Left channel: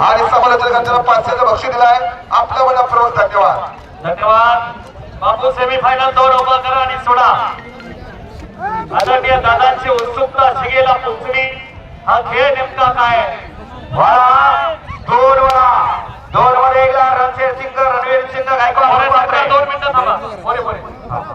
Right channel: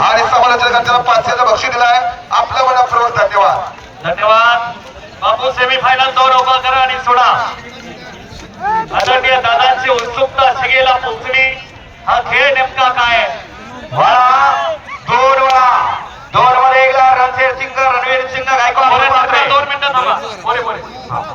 आणि समालोचकांच्या पाचशेचं बक्षीस दिलाय. आपल्या मनापूर्वक धन्यवाद. धन्यवाद. बापू सेमीफायनल दोन अवका करा आणि सोडा. आदरणीय दादांची उत्सुकता शिगेला पोचली हा खेळ नेमका काय वाळा, दोन वाळा, दोन वाळे एकला रणशेर सिंग रणवीर सिंग गायकवाड दोन होते मात्र. मिनिटं थांबा. बोले बोले. वाळा.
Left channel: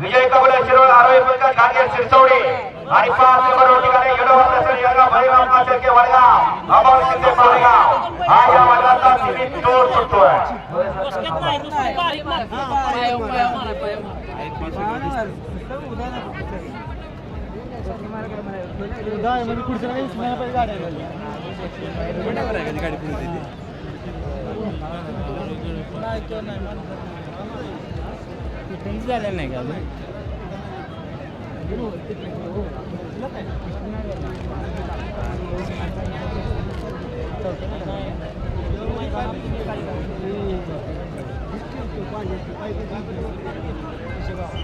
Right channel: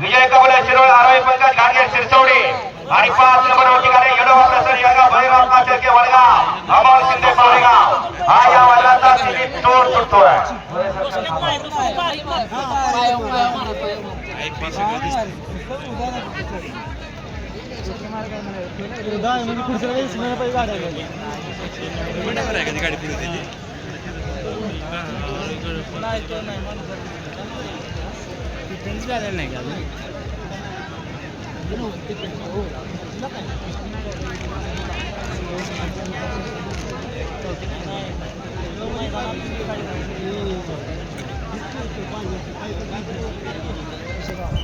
विजय कबले शिरोळ आरोग्य पंकज गाडगे शिरसवडे आणि पाच नंबर ठिकाणी गाडी यडोबा प्रसन्न यागा भैरव काशेके वडगा अमोल शिंदे पारेगाव हा या वादळाचा सिरीप जोर पडतोय अक्षर पण मला काय बघ मला काय माहिती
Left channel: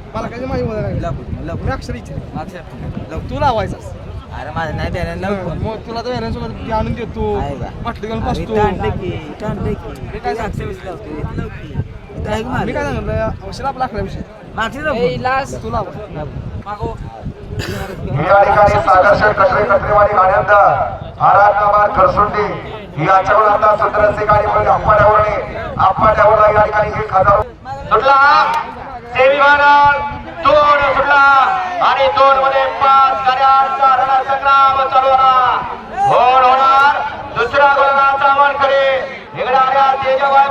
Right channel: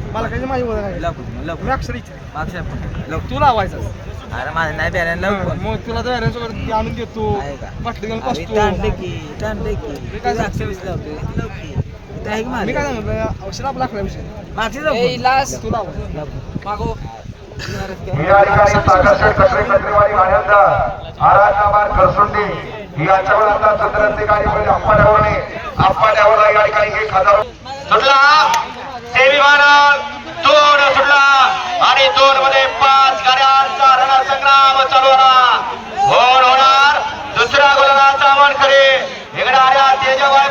मला काय माहिती ओळख आहे. मी अक्षर इच्छा तू लावायचा अरे माझं नाही बॅलन्स लावून. मग तुला तर सोबत आणून देतो? बाटली घेऊन बसतो. की ताणलं की मी काय तू अक्षर विषयी लावतो इथं लाव की मी काय माझं सांगितलं अक्षर आपला अकरा विषय. मागचे जाऊ फोन. तू लाव. ही आराधनाबाद